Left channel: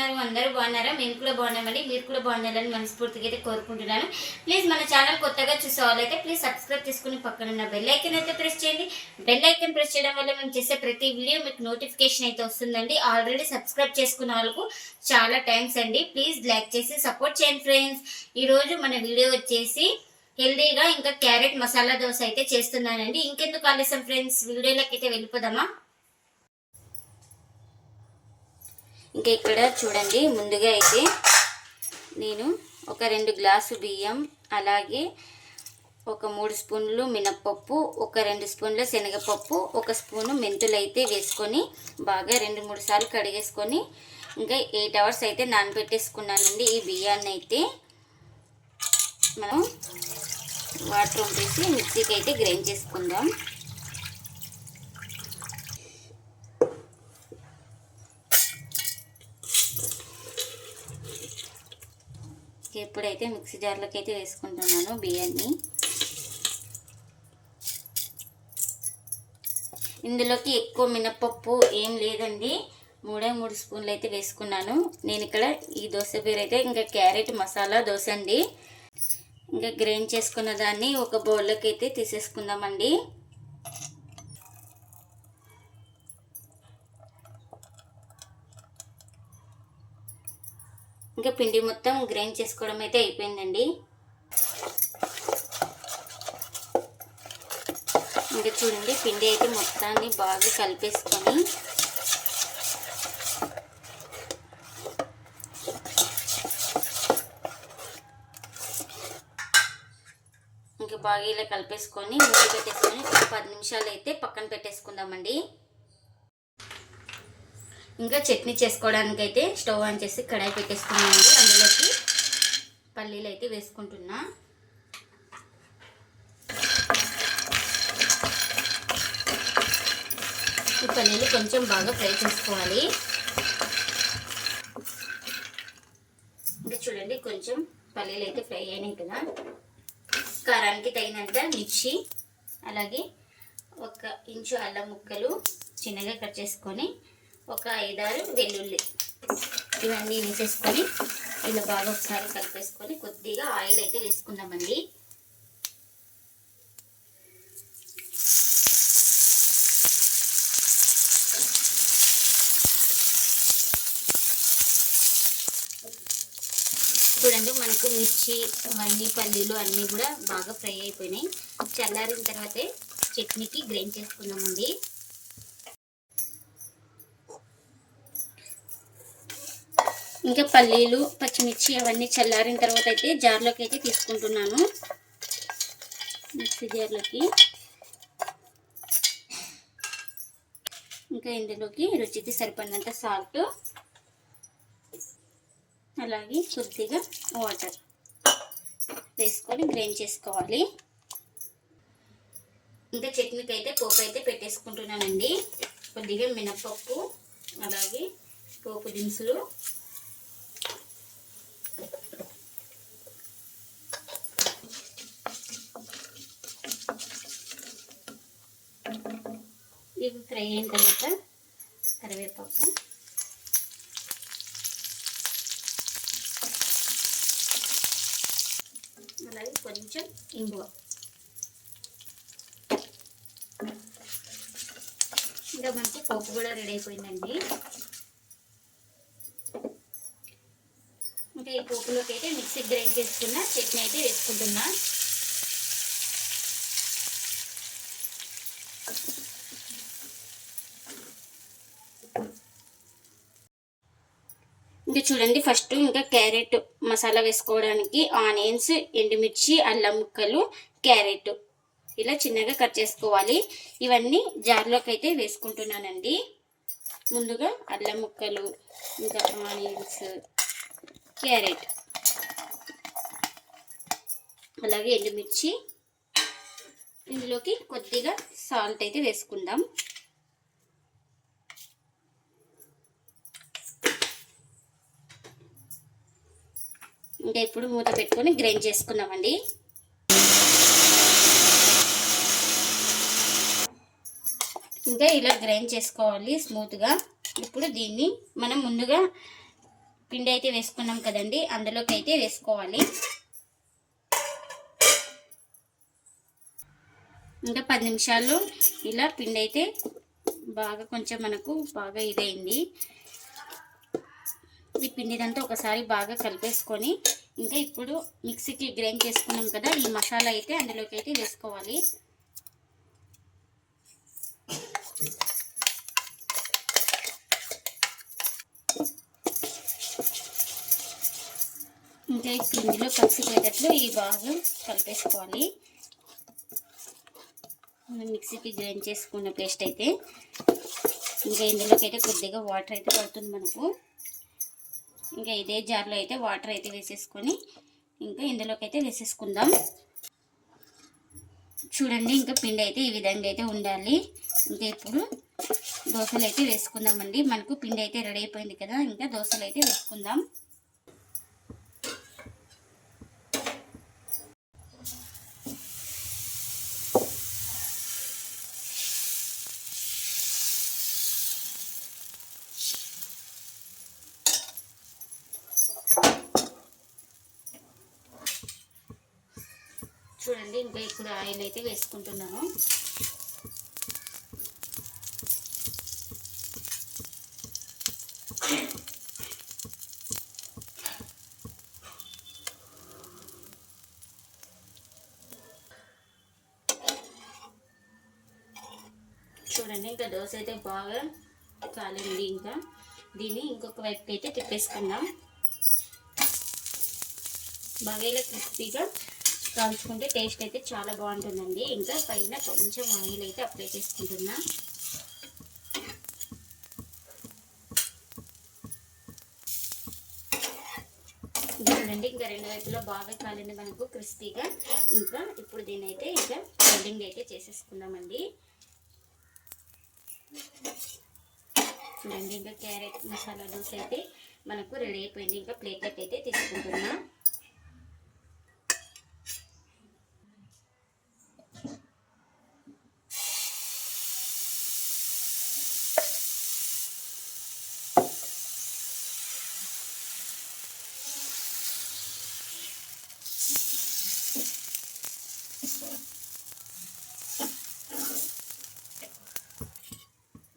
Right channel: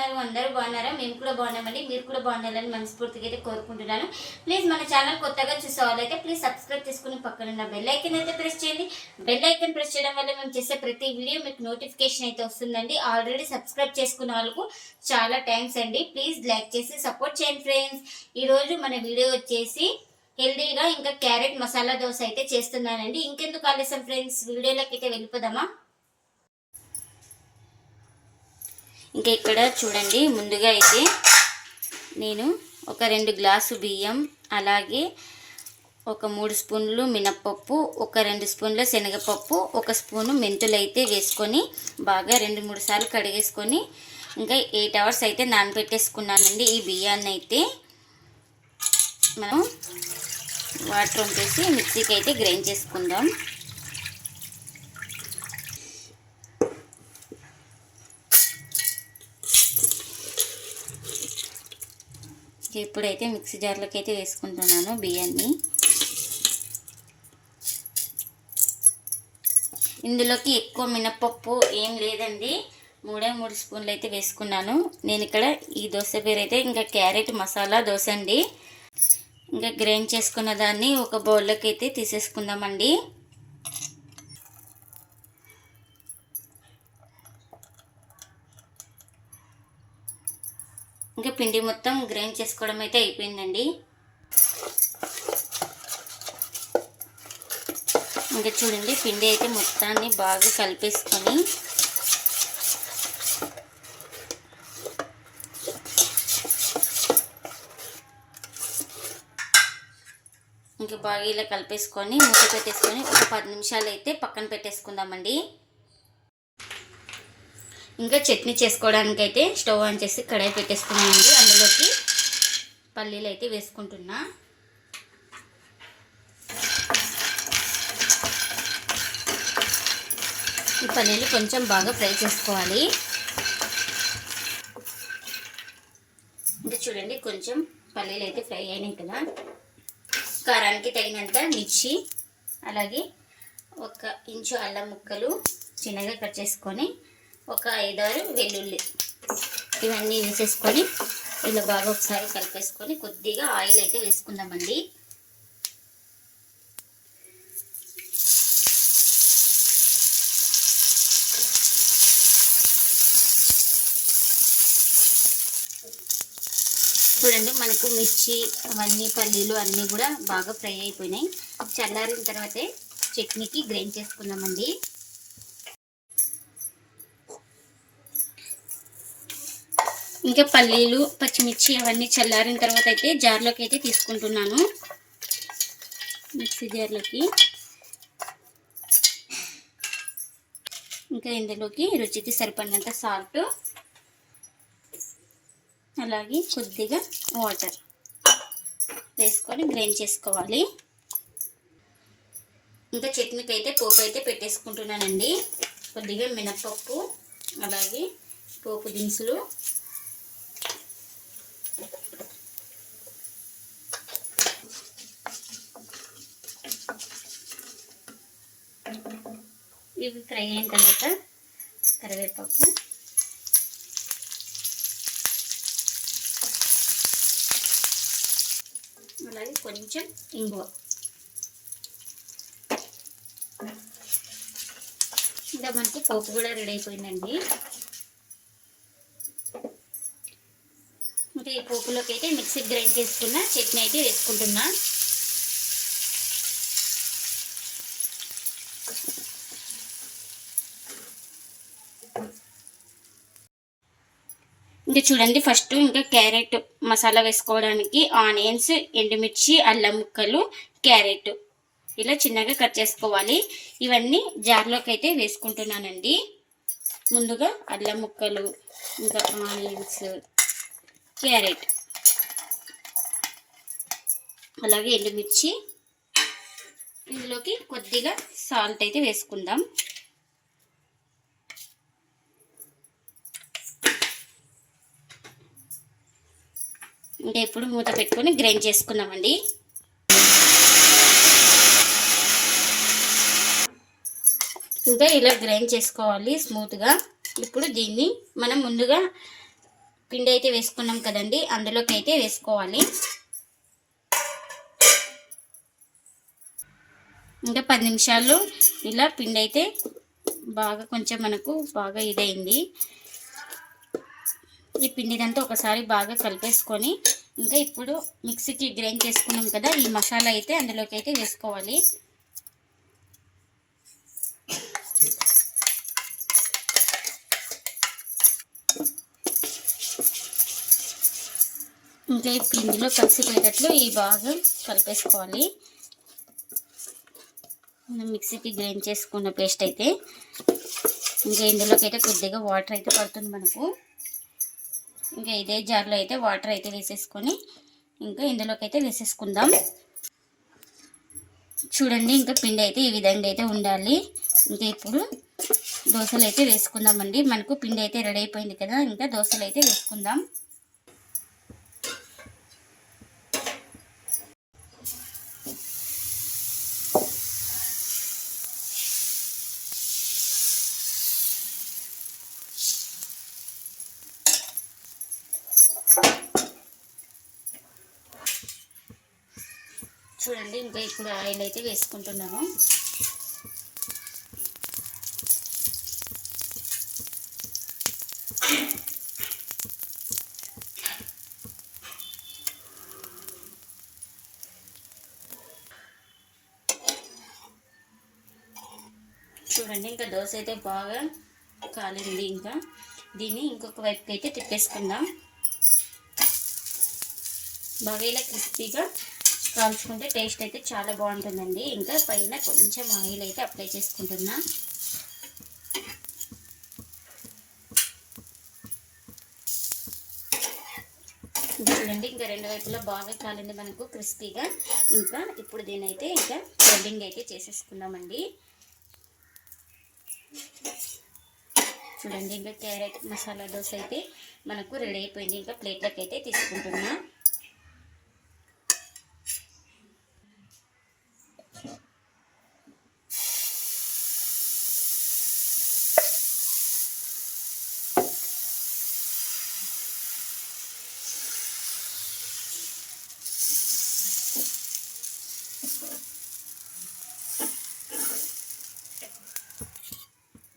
అందరు ఉన్నారు అందరూ బాగున్నారా? మేము కూడా బాగున్నామండి. మీరు కూడా బాగుండాలని మనస్ఫూర్తిగా అయితే కోరుకుంటున్నాను. ప్లీజ్ మన ఛానల్ కొత్తగా చూసే వాళ్ళైతే ప్లీజ్ సబ్స్క్రైబ్ చేసుకుని పక్కన ఉన్న బెల్ ఐకన్ అయితే ప్రెస్ చేయండి. బెల్ ఐకన్ ప్రెస్ చేయడం వల్ల మేము చేసే ప్రతి వీడియో మీకు నోటిఫికేషన్ అయితే వస్తుందండి. ఆల్రెడీ సబ్స్క్రైబ్ చేసుకున్న వాళ్ళకు చాలా థ్యాంక్స్ అండి. ప్లీజ్ లైక్ చేసి సపోర్ట్ చేయండి ఫ్రెండ్స్. ఈరోజు మన వీడియో వచ్చేసి హెల్దీగా ఇంకా క్యారెట్ మసాలా దోశ అయితే చేస్తున్నానండి. ఇంకెందుకు ఆలస్యం ఫ్రెండ్స్? వీడియోలోకి అయితే వెళ్ళిపోదామా? ఇంకా ఇక్కడ చూడండి ముందుగా అయితే నేను ఒక రెండు గ్లాసు బియ్యం అలాగే ఒక మూడు స్పూన్లు మినప్పప్పు ఒక రెండు స్పూన్ల శనగపప్పు ఒక స్పూను మెంతులు అయితే వేసుకొని బాగా రెండు మూడు సార్లు కడిగేసుకొని ఇంకా ఎయిట్ అవర్స్ అయితే నానబెట్టేసుకున్నానండి ఈ బియ్యాన్ని అయితే. మనం వాటర్ వంపేసి మిక్సీకి అయితే గ్రైండ్ చేసుకుందాం. ఇప్పుడైతే మిక్సీ జార్లోకి అయితే వేసుకుంటున్నాను బియ్యాన్ని. ఇందులోకి ఎక్కువ మినపప్పు ఏం లేదండి. మూడే మూడు స్పూన్లు అయితే వేసుకున్నాను. నేను ఇక్కడ ఈ దోశ పేరు అయితే ఇంకా క్యారెట్ మసాలా దోశ అండి. ఇంకా గ్రైండ్ చేసుకున్న దాన్ని ఒక బౌల్లోకి అయితే తీసేసుకుందామండి. ఇంకా పిండి మొత్తం గ్రైండ్ చేసుకోవడం అయితే అయిపోయిందండి. ఇంకా చూడండి పిండి అయితే మొత్తాన్ని బాగా కలిపేసుకొని ఇంకా బాగా ఇలా కలిపేసుకొని ముందు పెట్టేసుకొని ఒక పది నిమిషాలు అయితే పక్కన పెట్టేసుకుందామండి. ఇంకా చట్నీ చేసుకోవడానికి అయితే స్టవ్ ఆన్ చేసి కడాయి పెట్టేసుకున్నాను అందులోకి పల్లీలు అయితే వేసుకుంటున్నా. ఈ పల్లీలు కొంచెం బాగా ఫ్రై చేసుకోవాలి. ఇంకా చూడండి కొంచెం పల్లీలు అయితే ఫ్రై అయినాయి కదా. కారానికి తగినంత మిర్చి అలాగే ఒక ఇంచు అల్లం ముక్కలు చిన్నగా కట్ చేసుకొని ఒక ఐదారు వెల్లుల్లి. ఇవన్నీ వేసేసుకొని ఇలా బాగా ఒకసారి కలిపేసుకొని కొద్దిగా ఆయిల్ అయితే వేసుకుందామండి. చూడండి మనకు మిర్చి అవన్నీ పల్లీలు అన్నీ కూడా బాగా ఫ్రై అయిపోయినాయి. చల్లారిన తర్వాతే చట్నీకి గ్రైండ్ చేసుకుందామండి. ఇంకా పల్లీలు పచ్చిమిర్చి అవన్నీ చల్లారిన తర్వాత అయితే జార్లోకి అయితే తీసుకుంటున్నాను. మిక్సీ జార్లోకి. ఇంకా ఇందులోకి రుచికి సరిపడినంత సాల్ట్ అలాగే కొద్దిగా వాటర్ వేసుకొని గ్రైండ్ చేసుకోవాలి. ఇంకా చట్నీకి అయితే పోపు అయితే పెట్టేసుకుంటున్నానండి. కొద్దిగా మినపప్పు అలాగే పోపు దినుసులు ఇవి ఫ్రై అయిన తర్వాత కరివేపాకు. అలాగే కొంచెం ఇంగువ ఇంకా మనకి పప్పు కూడా రెడీ అయిపోయిందండి. ఇంకా ఈ పోపులోకి అయితే మిక్సీ గ్రైండ్ చేసుకున్న చట్నీ అయితే వేసుకుంటున్నా. ఇంకా చూడండి ఫస్ట్ ఇంకా క్యారెట్ మసాలా వేసుకోవడానికి ఆనియన్స్ ఎండుమిర్చి అల్లం ముక్కలు క్యారెట్. ఇలా చిన్నగా కట్ చేసుకోవాలి. ఇవన్నీ జార్లోకి అయితే వేసుకుంటున్నానండి. ముందుగా అల్లం ముక్కలు ఇంకా ఆనియన్స్ క్యారెట్. అలాగే ఎండుమిర్చి. ఇందులోకి కొద్దిగా సాల్ట్ అయితే వేసుకుందాం. ఇంకా ఇప్పుడు మూత పెట్టుకొని గ్రైండ్ చేసుకున్నామండి ఇంకా ఇలా గ్రైండ్ చేసుకోవాలి స్మూత్గా ఇప్పుడు దీన్ని మనం ముందుగా పిండి అయితే వేసుకున్నాం కదండి అందులోకి అయితే వేసుకోవాలి. ఇంకా పది నిమిషాలు ఇలా పిండి అయితే బాగా కొంచెం మనకు బాగా ఇదైంది. ఈ పిండిదంతా ఒకసారి బాగా కలిపేసుకొని ఇంకా ఇప్పుడు మిక్సీకి గ్రైండ్ చేసుకున్నాం కదా ఈ మసాలా అయితే అందులోకి అయితే వేసుకోవాలి. ఇంకా ఇప్పుడు ఇందులో కలిసిపోయేటట్లు ఈ బాగా కలిపేసుకోవాలి. మిక్సీకి గ్రైండ్ చేసుకున్న పేస్ట్ అయితే ఇంకా ఇందులోకి అయితే కొద్దిగా వాటర్ అయితే పడుతుంది మనకు. ఇంకా ఇదే జార్లో అయితే వాటర్ అయితే వేసేసుకొని ఇంకా ఇందులోకి అయితే వేసేసుకుందాం. చూడండి ఇంకా పిండి అయితే ఈ విధంగా అయితే ఉండాలి. ఇంకా ఇప్పుడు దోశలు అయితే వేసుకుందామండి. మనకు పిండి అయితే రెడీ అయిపోయింది కదా ఇంకా దోశలు అయితే వేసుకుందాం. చూడండి ఇంకా ఇప్పుడు ఆయిల్ అయితే వేసుకుంటున్నాను చూడండి ఇంకా దోశ అయితే బాగా కాలింది ఇంకా. దీన్ని ఇంకొక వైపుకి అయితే తిప్పేసుకుందాం. బాగా ఇలా క్రిస్పీగా కాల్చుకుంటే టేస్ట్ అయితే చాలా బాగుంటుందండి. ఇంకా పైన కొంచెం ఆయిల్ అయితే అప్లై చేసుకుంటున్నా. చూడండి ఇంకా రెండు వైపులా బాగా కాలింది మనకు క్రిస్పీగా. ఇంకా ఇప్పుడు దీని అయితే ఇంకా ఫోల్డింగ్ అయితే చేసేసుకున్నామండి చూడండి ఇంకా క్యారెట్ మసాలా దోశ అయితే మనకు రెడీ అయిపోయింది. ఇంకా ప్లేట్లోకి అయితే తీసుకుంటున్నాం.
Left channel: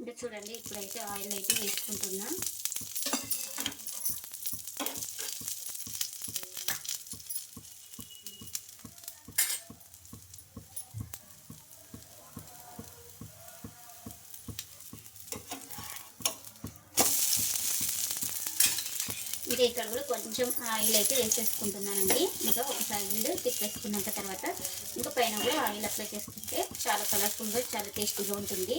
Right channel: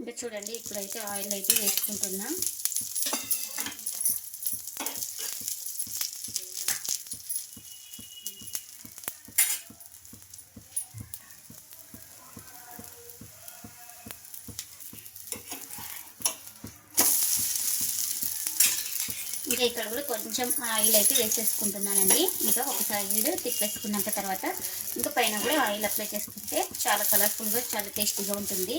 ఇంకా చూడండి ఇప్పుడైతే ఆయిల్ అయితే వేసుకుంటున్నా. ఇంకా ఇక్కడ కూడా కొంచెం ఆయిల్ అయితే వేసేసుకుంటున్నానండి. ఇంకా ఒక సైడ్ తిప్పేసుకున్నాక తర్వాత ఇంకా పైన కూడా ఆయిల్ అప్లై చేసుకుంటే చాలా కలర్ఫుల్గా చాలా టేస్టీగా ఉంటుంది.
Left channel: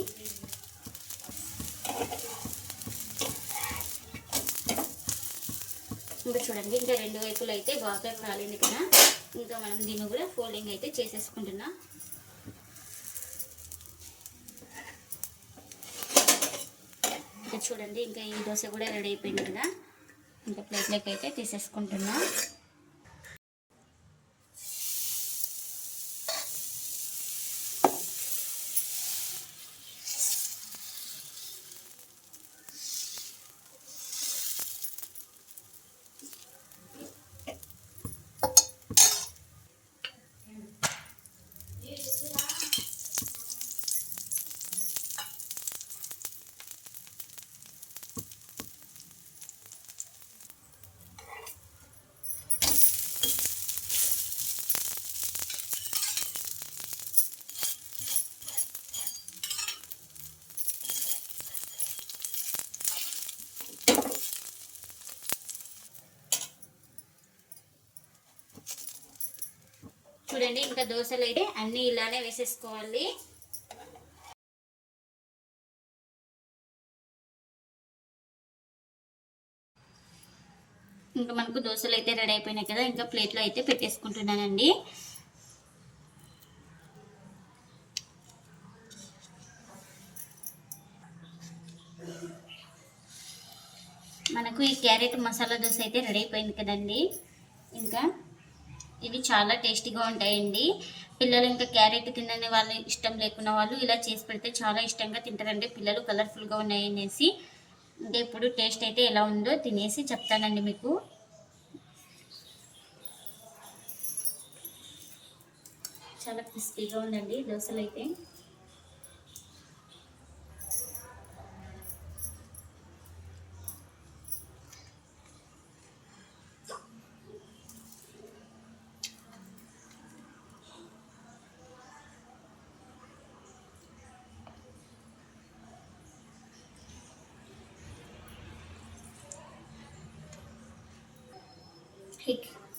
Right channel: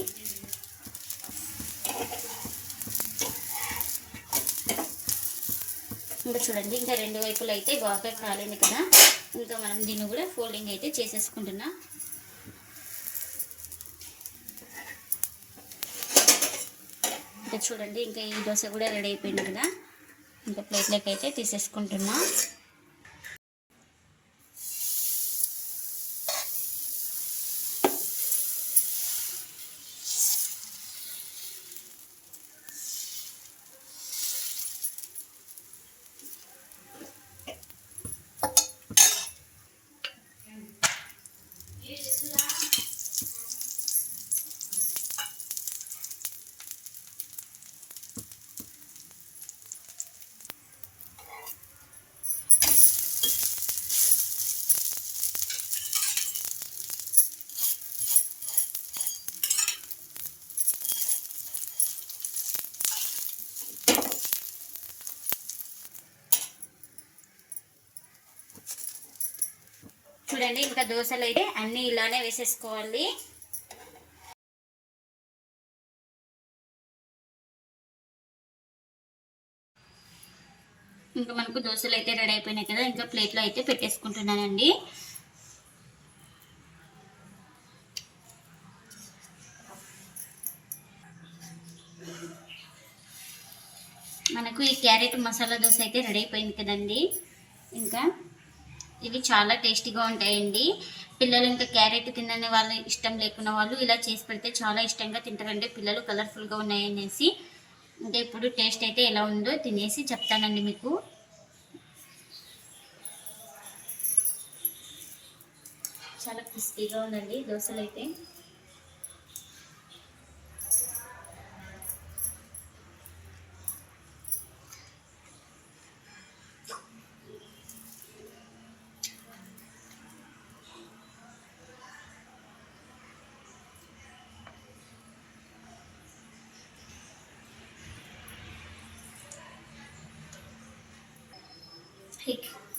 ఇంకా చూడండి ఇంకా రెండు వైపులు అయితే బాగా కాలింది కదా. ఇంకా మనం దీన్ని కూడా ఫోల్డింగ్ అయితే చేసేసుకుంటున్నా. ఇంకా చూడండి ఇంకా ఈ దోశ కూడా రెడీ అయిపోయింది కదా. ఇంకా ప్లేట్లోకి అయితే తీసేసుకుంటున్నా. చూడండి ఇంకా దోశలు అయితే అన్నీ ఇలానే వేసేసుకోవాలి. ఇంకా మనకు దోశలు అయితే రెడీ అయిపోయినాయి కదా ఇంకా ప్లేట్లో అయితే పెట్టేసుకుంటున్నానండి. మనకు ఈ క్యారెట్ మసాలా దోశ అయితే రెడీ అయిపోయింది కదండి. ఇంకా ఇవి చాలా టేస్టీగా ఉంటాయండి. పిల్లలు ఇంకా క్యారెట్ తినని వాళ్ళు ఇష్టం లేకున్న వాళ్ళు ఇలా చేసి పెడితే చాలా ఇష్టంగా తింటారండి. పిల్లలు కలర్ఫుల్గా ఉన్నాయనేసి. ఇంకా ఇప్పుడు టేస్ట్ అయితే ఎలా ఉందో తినేసి చెప్తానండి మీకు. చాలా క్రిస్పీగా ఉందండి దోశలు అయితే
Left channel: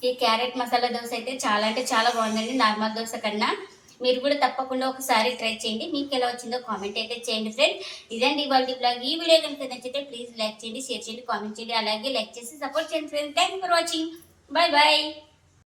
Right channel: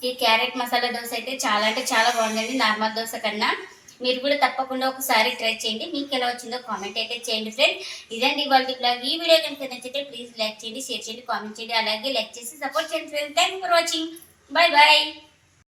ఈ క్యారెట్ మసాలా దోశ అయితే చాలా అంటే చాలా బాగుందండి. నార్మల్ దోశ కన్నా. మీరు కూడా తప్పకుండా ఒకసారి ట్రై చేయండి. మీకు ఎలా వచ్చిందో కామెంట్ అయితే చేయండి ఫ్రెండ్. ఇదండి ఇవాళ బ్లాగ్. ఈ వీడియో కనుక నచ్చితే ప్లీజ్ లైక్ చేయండి షేర్ చేయండి కామెంట్ చేయండి. అలాగే లైక్ చేసి సపోర్ట్ చేయండి friend. Thank for watching bye bye